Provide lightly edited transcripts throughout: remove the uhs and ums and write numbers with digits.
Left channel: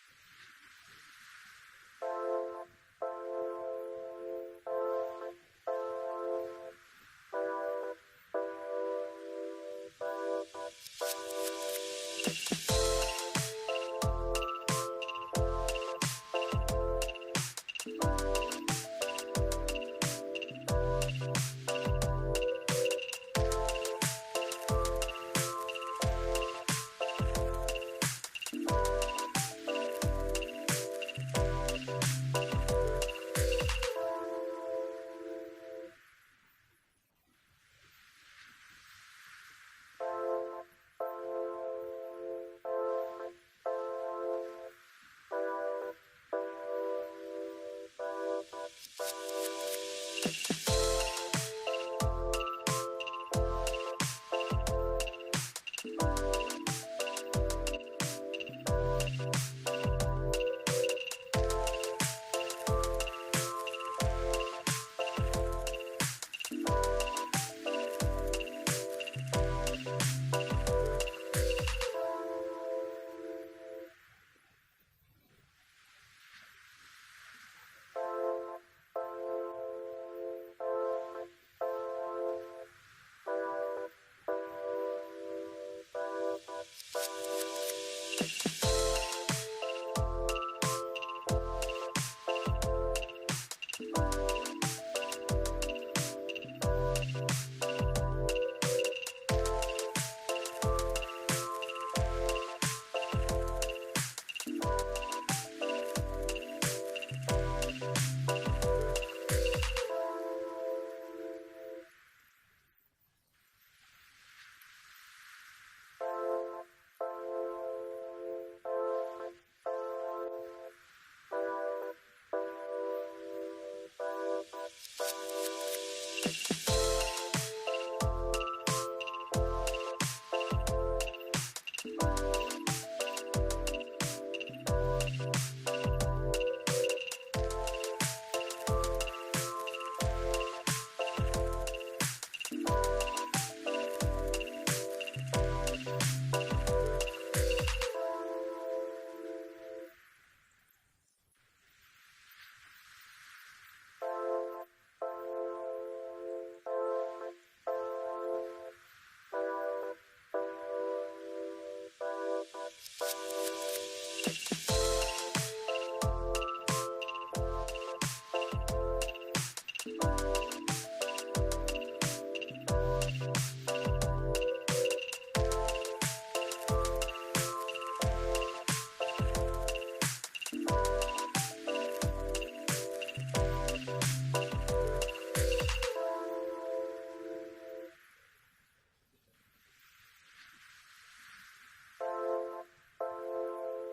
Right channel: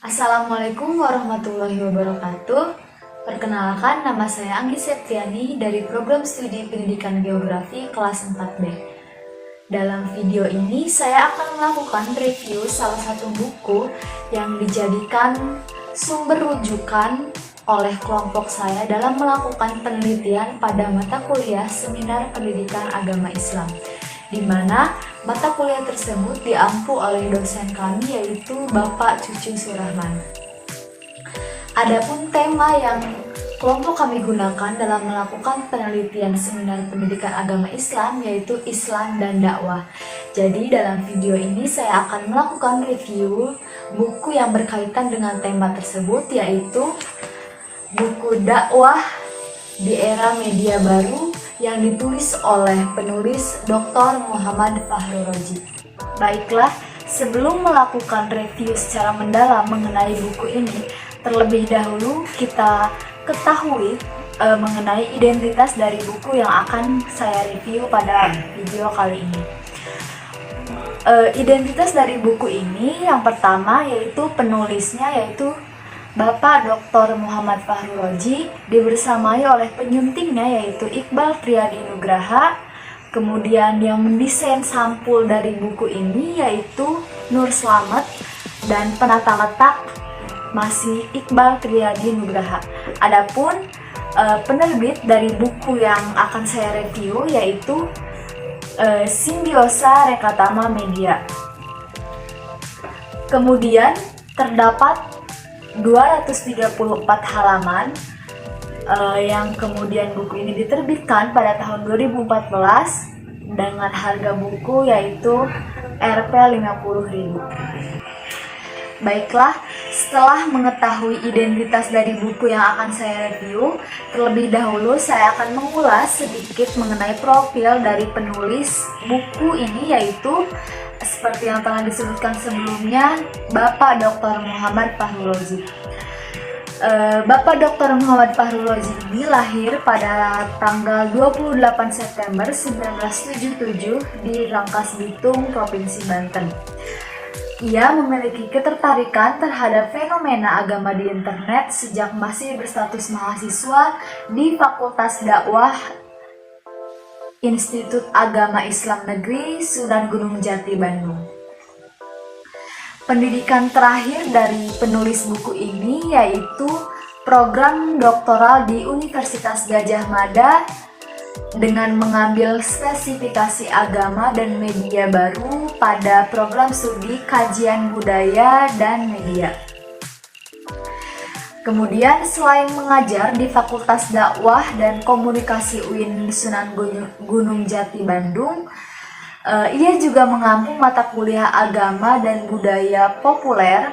Assalamualaikum warahmatullahi wabarakatuh. Perkenalkan, nama saya Anggi Septiani dari program studi pendidikan geografi kelas 4B. Dalam video ini, saya akan melakukan review salah satu buku yang dijadikan sumber rujukan oleh kelompok saya dalam melakukan penelitian pada mata kuliah Seminar Pendidikan Agama Islam, di mana mata kuliah tersebut diampu oleh dosen kami yaitu Bapak Cucu Surahman. Adapun tema yang kelompok kami gunakan dalam melakukan penelitian Seminar Pendidikan Agama Islam yaitu Islam dan Dakwah. Jadi dalam video ini saya akan melakukan review buku yang berkaitan dengan tema tersebut, yaitu buku Dakwah di Era Media Baru yang ditulis oleh penulis Dr. Muhammad Fahru Roji. Baiklah, sebelum melakukan review secara mendalam mengenai buku ini, terlebih dahulu kita ketahui mengenai identitas dari buku yang akan saya review pada video kali ini. Identitas dari buku ini yang pertama yaitu penulisnya yaitu Bapak Dr. Muhammad Fahru Roji, dibersamai oleh penyuntingnya yaitu Iqbal Triyadi Nugraha. Kemudian yang mendesain sampul dari buku ini yaitu Nur Slamet, dan penata letak masih Iqbal Triyadi Nugraha. Adapun penerbit dari buku yang akan saya review yaitu Simbiosa Rekatama Media. Kemudian terdapat 234 halaman yang kemudian buku ini diterbitkan pada tahun 2014 dengan harga buku yaitu Rp 50.000. Baiklah, setelah mengetahui identitas dari buku yang akan saya review, terlebih dahulu saya akan mengulas sedikit mengenai profil dari penulis buku ini, yaitu seperti yang telah disebutkan sebelumnya, Bapak Dr. Muhammad Fahru Roji. Bapak Dr. Muhammad Fahru Roji ini lahir pada tanggal 28 September 1977 di Rangkas Bitung, Provinsi Banten. Ia memiliki ketertarikan terhadap fenomena agama di internet sejak masih berstatus mahasiswa di Fakultas Dakwah Institut Agama Islam Negeri Sunan Gunung Jati, Bandung. Pendidikan terakhir dari penulis buku ini yaitu program doktoral di Universitas Gadjah Mada dengan mengambil spesifikasi agama dan media baru pada program studi kajian budaya dan media. Kemudian selain mengajar di Fakultas Dakwah dan Komunikasi UIN Sunan Gunung Jati, Bandung, ia juga mengampu mata kuliah agama dan budaya populer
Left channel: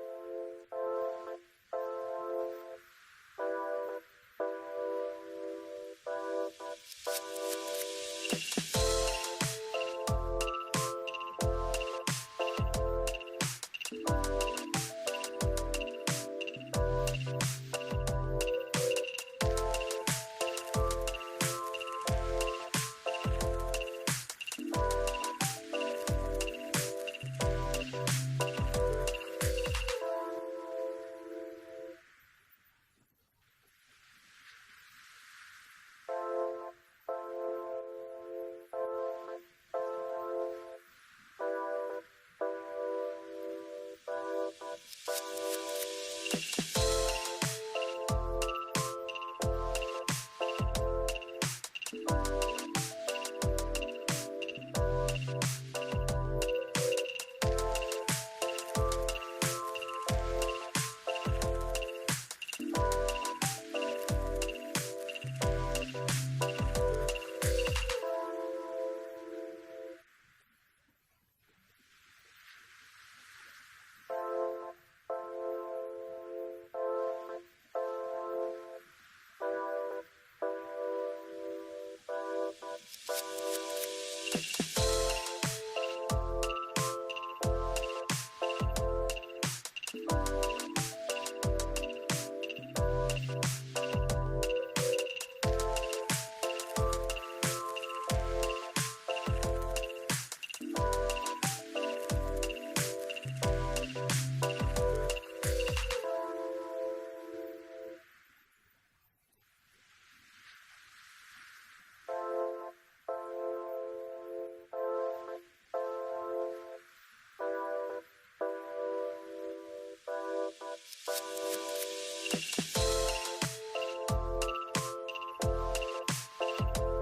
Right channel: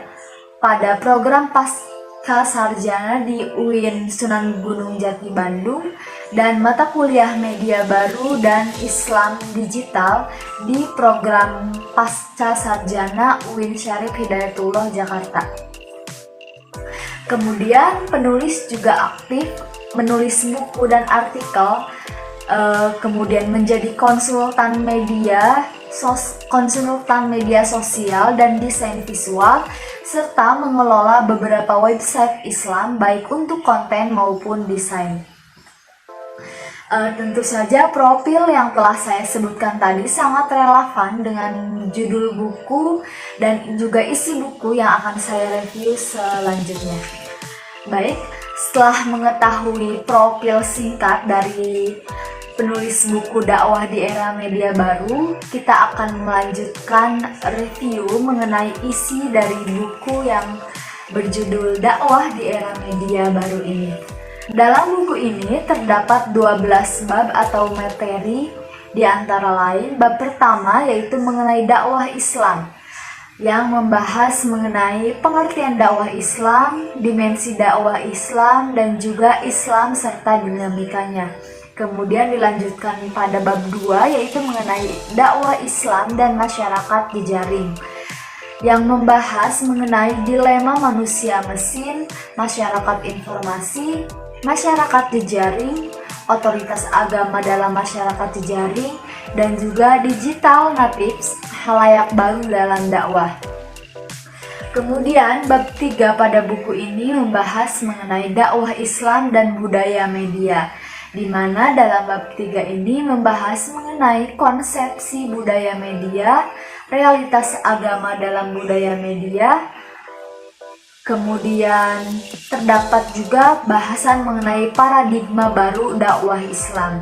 pada program pasca sarjana di UIN Sunan Gunung Jati, Bandung, dan mata kuliah media baru dan Islam digital di program pasca sarjana UIN Syarif Hidayatullah, Jakarta. Kemudian penulis juga aktif menulis buku dan artikel, kemudian menjadi konsultan media sosial dan desain visual, serta mengelola beberapa website Islam baik untuk konten maupun desain. Tentu saja profil yang telah saya sebutkan tadi sangat relevan dengan judul buku dan juga isi buku yang akan saya review selanjutnya. Baik, setelah mengetahui profil singkat dari penulis buku Dakwah di Era Media Baru, kita akan melanjutkan review mengenai isi dari buku yang berjudul Dakwah di Era Media Baru ini. Dalam buku ini terdapat 12 bab atau materi, di antara lain bab pertama yaitu mengenai dakwah Islam yang membahas mengenai pengertian dakwah Islam, dimensi dakwah Islam, dan juga Islam serta dinamikanya. Kemudian dilanjutkan pada bab 2 yaitu mengenai dakwah Islam dan masyarakat jejaring yang membahas mengenai dilema manusia mesin, masyarakat informasi, masyarakat jejaring, otoritas agama dalam masyarakat jejaring, dan juga digital natives, halayak baru dalam dakwah. Kemudian bab 3 pada buku ini membahas mengenai dakwah Islam dan budaya media, di mana dalam bab 3 ini membahas mengenai konsepsi budaya media, realitas agama dalam budaya media. Kemudian terdapat juga bahasan mengenai paradigma baru dakwah Islam.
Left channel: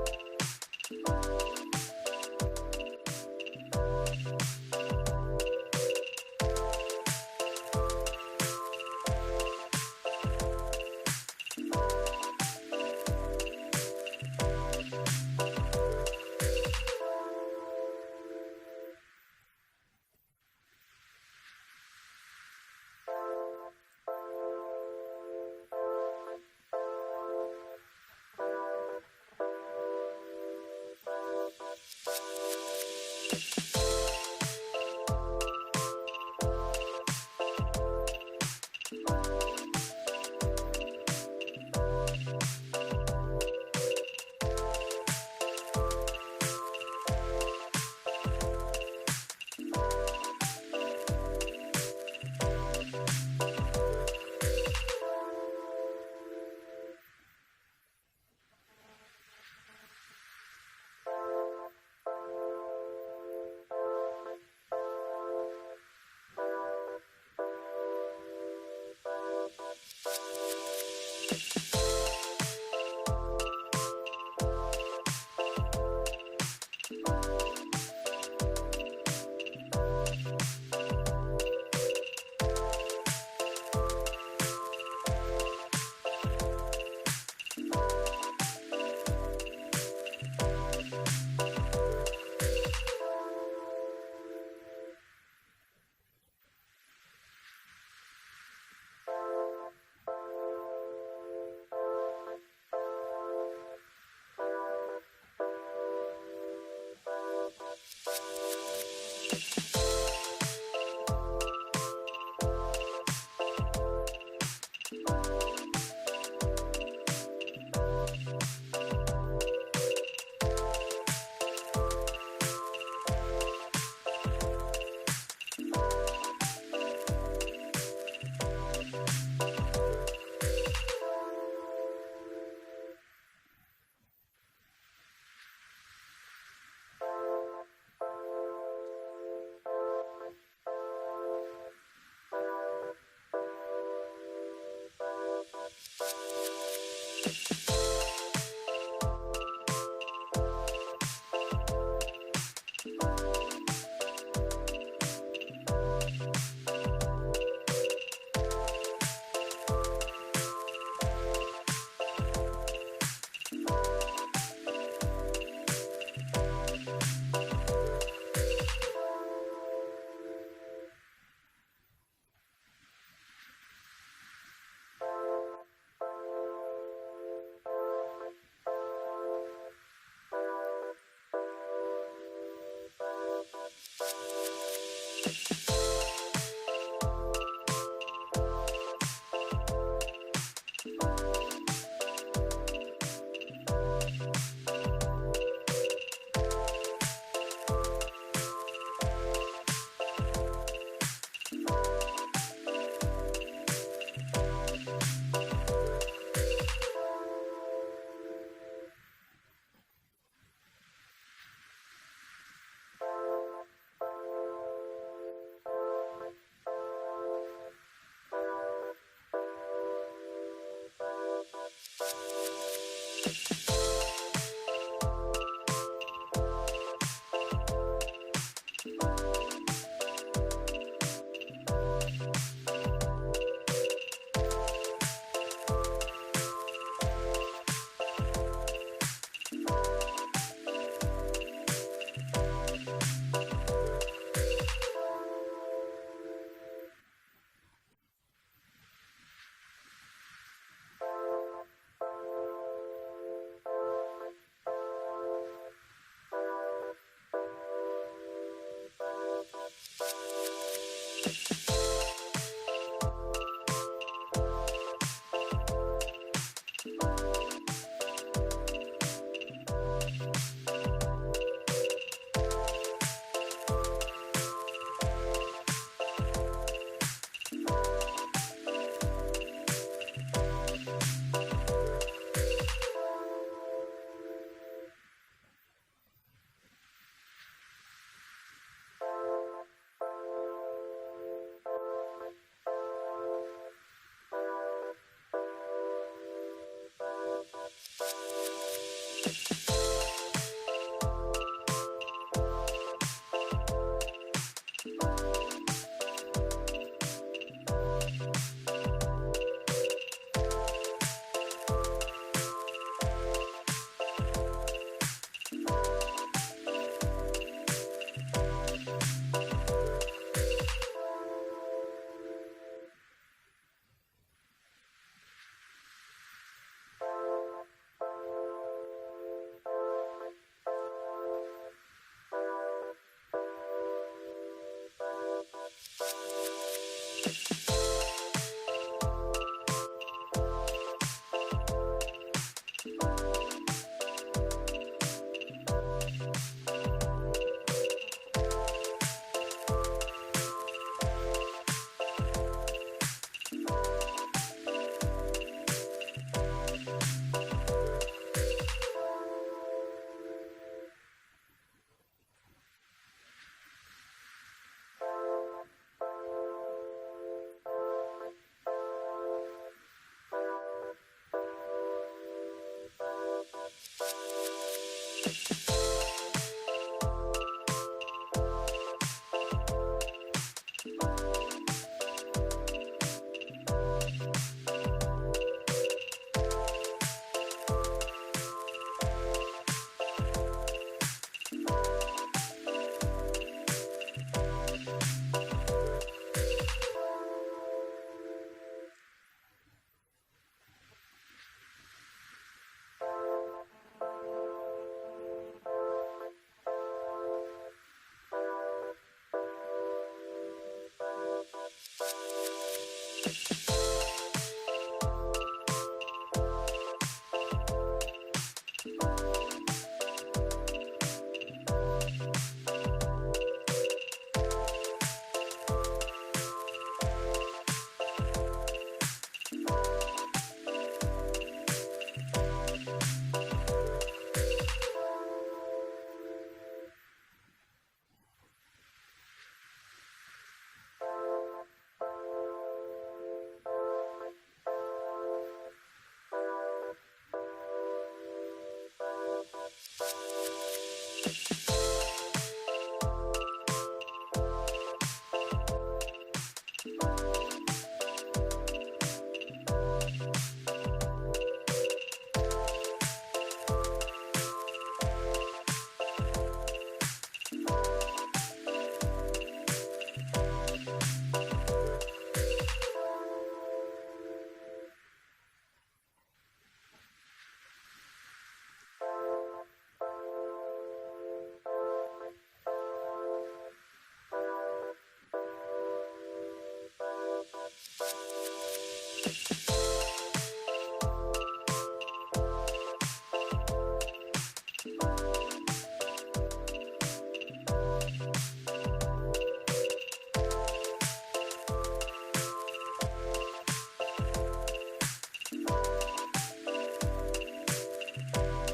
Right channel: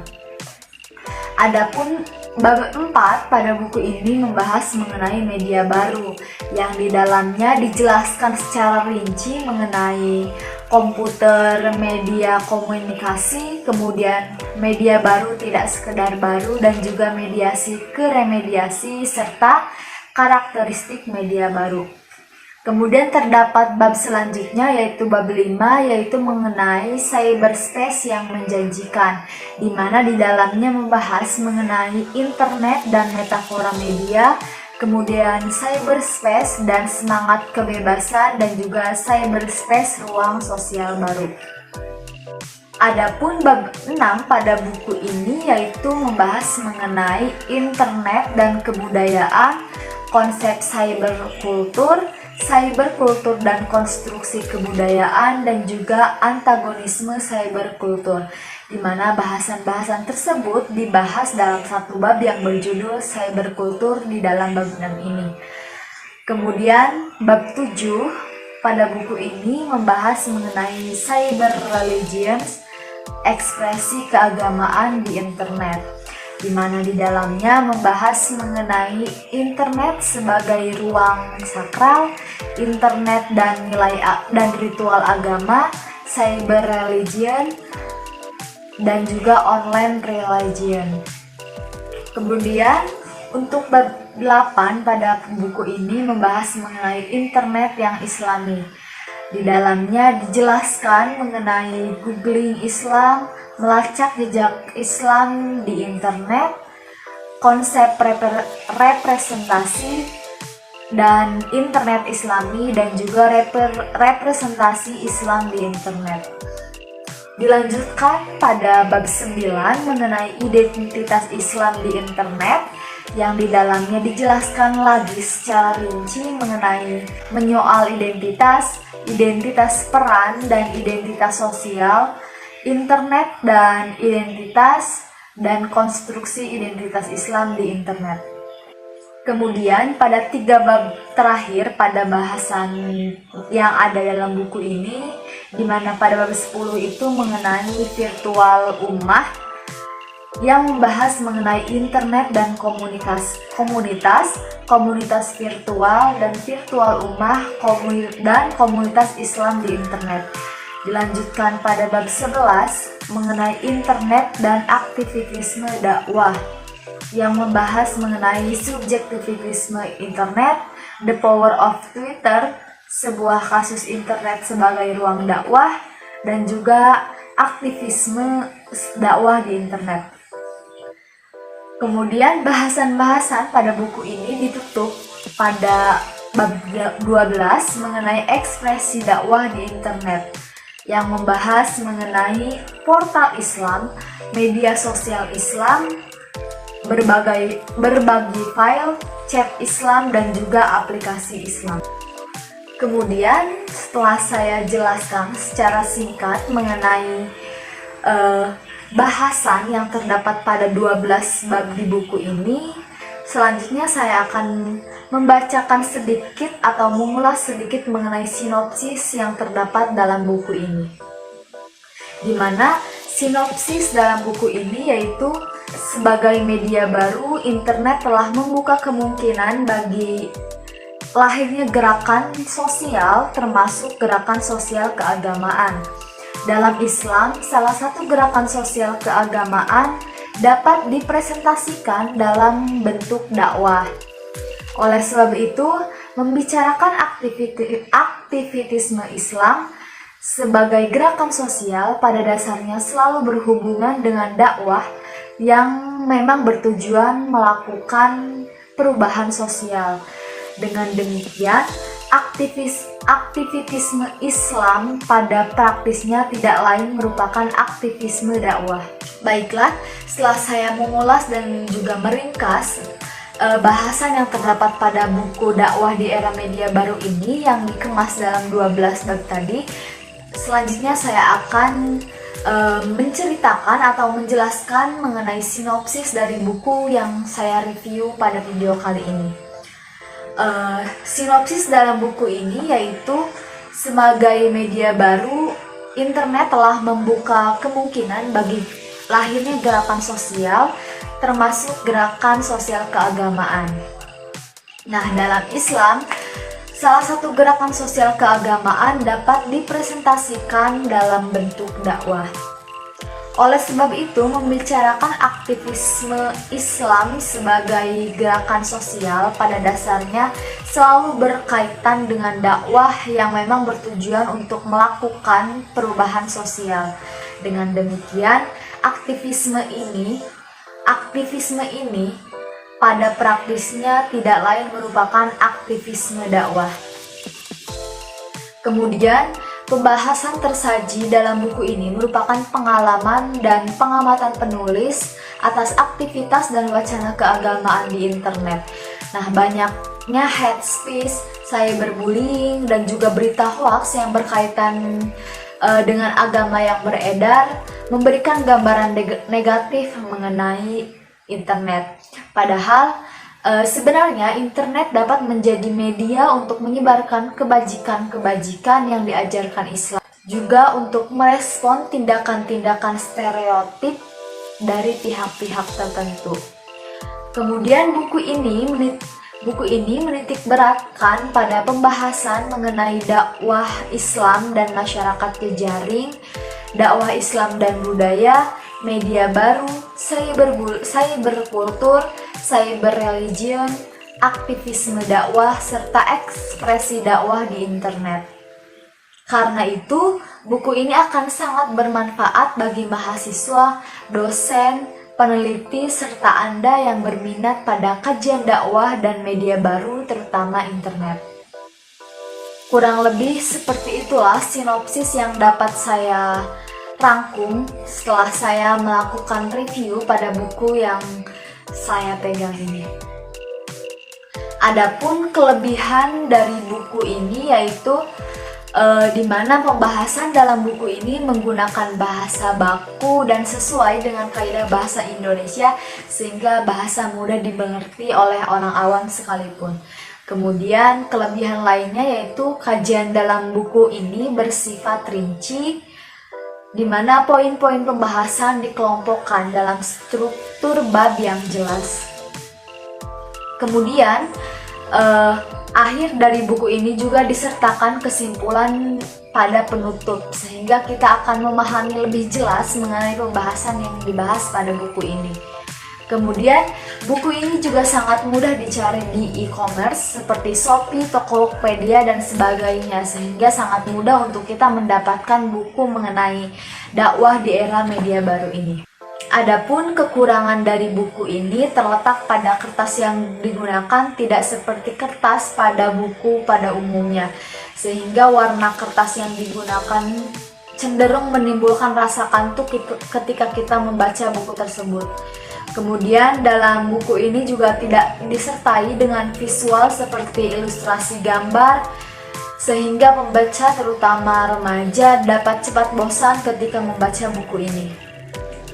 Adapun bab 4 pada buku ini membahas mengenai media baru, yang di dalamnya dijelaskan secara rinci mengenai komputer, media komunikasi, kemudian media baru tidak sekedar baru, dan juga mediasi ke remediasi serta karakteristik media baru. Kemudian terdapat bab selanjutnya yaitu bab 5, yaitu mengenai cyberspace yang menjanjikan, di mana di dalamnya membahas mengenai internet dan metafora media, kemudian cyberspace dan semangat kebebasan, dan juga cyberspace ruang sosial baru. Adapun bab 6 pada buku ini yaitu membahas mengenai internet dan kebudayaan, konsep cyberkultur dan konstruksi kebudayaan, dan juga antagonisme cyberkultur, di mana bahasan-bahasan tersebut dibahas dalam satu bab yang berjudul cyberkultur di dalam bab 6 ini. Kemudian bab 7 pada buku ini membahas mengenai cyber religions, ekspresi keagamaan di internet, di mana di dalamnya membahas mengenai internet sebagai ruang sakral, internet dan nilai dan ritual agama, cyber religion, dan juga online religion. Kemudian untuk bab 8 pada buku ini membahas mengenai internet yang islami. Di dalamnya dijelaskan mengenai googling Islam, melacak jejak Islam di internet, konsep representasi dan internet Islami, dan juga representasi Islam di internet. Dilanjutkan pada bab 9 mengenai identitas Islam di internet, yang di dalamnya dijelaskan lagi secara rinci mengenai menyoal identitas peran dan identitas sosial, internet dan identitas, dan konstruksi identitas Islam di internet. Kemudian pada 3 bab terakhir pada bahasan yang ada dalam buku ini, di mana pada bab 10 itu mengenai virtual ummah, yang membahas mengenai internet dan komunitas virtual dan virtual ummah, dan komunitas Islam di internet. Dilanjutkan pada bab 11 mengenai internet dan aktivitisme dakwah, yang membahas mengenai subjektivitisme internet, the power of Twitter, sebuah kasus internet sebagai ruang dakwah, dan juga aktivisme dakwah di internet. Kemudian bahasan-bahasan pada buku ini ditutup pada bab 12 mengenai ekspresi dakwah di internet, yang membahas mengenai portal Islam, media sosial Islam, berbagi file, chat Islam, dan juga aplikasi Islam. Kemudian setelah saya jelaskan secara singkat mengenai bahasan yang terdapat pada 12 bab di buku ini, selanjutnya saya akan membacakan sedikit atau mengulas sedikit mengenai sinopsis yang terdapat dalam buku ini, di mana sinopsis dalam buku ini yaitu sebagai media baru, internet telah membuka kemungkinan bagi lahirnya gerakan sosial, termasuk gerakan sosial keagamaan. Dalam Islam, salah satu gerakan sosial keagamaan dapat dipresentasikan dalam bentuk dakwah. Oleh sebab itu, membicarakan aktivitisme Islam sebagai gerakan sosial pada dasarnya selalu berhubungan dengan dakwah yang memang bertujuan melakukan perubahan sosial. Dengan demikian, aktivitisme Islam pada praktisnya tidak lain merupakan aktivisme dakwah. Baiklah, setelah saya mengulas dan juga meringkas bahasan yang terdapat pada buku dakwah di era media baru ini yang dikemas dalam 12 bab tadi. Selanjutnya saya akan menceritakan atau menjelaskan mengenai sinopsis dari buku yang saya review pada video kali ini. Sinopsis dalam buku ini yaitu, sebagai media baru, internet telah membuka kemungkinan bagi lahirnya gerakan sosial, termasuk gerakan sosial keagamaan. Nah, dalam Islam, salah satu gerakan sosial keagamaan dapat dipresentasikan dalam bentuk dakwah. Oleh sebab itu, membicarakan aktivisme Islam sebagai gerakan sosial pada dasarnya selalu berkaitan dengan dakwah yang memang bertujuan untuk melakukan perubahan sosial. Dengan demikian, aktivisme ini pada praktisnya tidak lain merupakan aktivisme dakwah. Kemudian, pembahasan tersaji dalam buku ini merupakan pengalaman dan pengamatan penulis atas aktivitas dan wacana keagamaan di internet. Nah, banyaknya hate speech, cyberbullying, dan juga berita hoax yang berkaitan dengan agama yang beredar memberikan gambaran negatif mengenai internet. Padahal sebenarnya internet dapat menjadi media untuk menyebarkan kebajikan-kebajikan yang diajarkan Islam, juga untuk merespon tindakan-tindakan stereotip dari pihak-pihak tertentu. Kemudian buku ini menitik beratkan pada pembahasan mengenai dakwah Islam dan masyarakat jejaring, dakwah Islam dan budaya, media baru, cyberkultur, cyberreligion, aktivisme dakwah, serta ekspresi dakwah di internet. Karena itu, buku ini akan sangat bermanfaat bagi mahasiswa, dosen, peneliti, serta Anda yang berminat pada kajian dakwah dan media baru, terutama internet. Kurang lebih seperti itulah sinopsis yang dapat saya rangkum setelah saya melakukan review pada buku yang saya pegang ini. Adapun kelebihan dari buku ini yaitu di mana pembahasan dalam buku ini menggunakan bahasa baku dan sesuai dengan kaidah bahasa Indonesia sehingga bahasa mudah dimengerti oleh orang awam sekalipun. Kemudian kelebihan lainnya yaitu kajian dalam buku ini bersifat rinci, di mana poin-poin pembahasan dikelompokkan dalam struktur bab yang jelas. Kemudian akhir dari buku ini juga disertakan kesimpulan pada penutup, sehingga kita akan memahami lebih jelas mengenai pembahasan yang dibahas pada buku ini. Kemudian buku ini juga sangat mudah dicari di e-commerce seperti Shopee, Tokopedia, dan sebagainya, sehingga sangat mudah untuk kita mendapatkan buku mengenai dakwah di era media baru ini. Adapun kekurangan dari buku ini terletak pada kertas yang digunakan tidak seperti kertas pada buku pada umumnya, sehingga warna kertas yang digunakan cenderung menimbulkan rasa kantuk ketika kita membaca buku tersebut. Kemudian dalam buku ini juga tidak disertai dengan visual seperti ilustrasi gambar, sehingga pembaca terutama remaja dapat cepat bosan ketika membaca buku ini.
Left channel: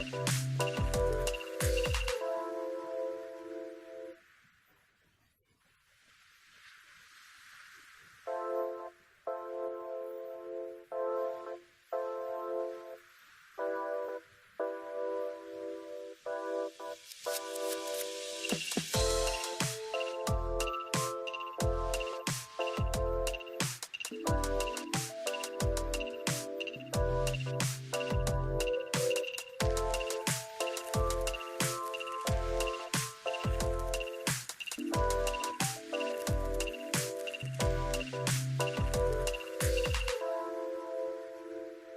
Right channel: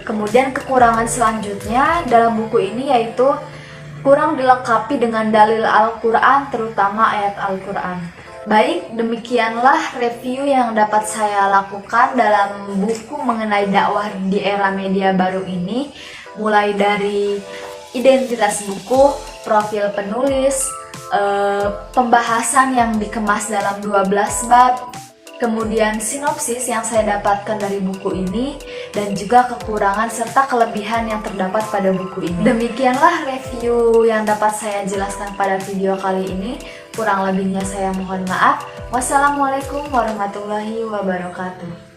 Kemudian kekurangan selanjutnya dalam buku ini yaitu kurang dilengkapi dengan dalil Al-Quran, terutama ayat Al-Quran. Baik, demikianlah review yang dapat saya lakukan dalam buku mengenai dakwah di era media baru ini, mulai dari identitas buku, profil penulis, pembahasan yang dikemas dalam 12 bab, kemudian sinopsis yang saya dapatkan dari buku ini, dan juga kekurangan serta kelebihan yang terdapat pada buku ini. Demikianlah review yang dapat saya jelaskan pada video kali ini. Kurang lebihnya saya mohon maaf. Wassalamualaikum warahmatullahi wabarakatuh.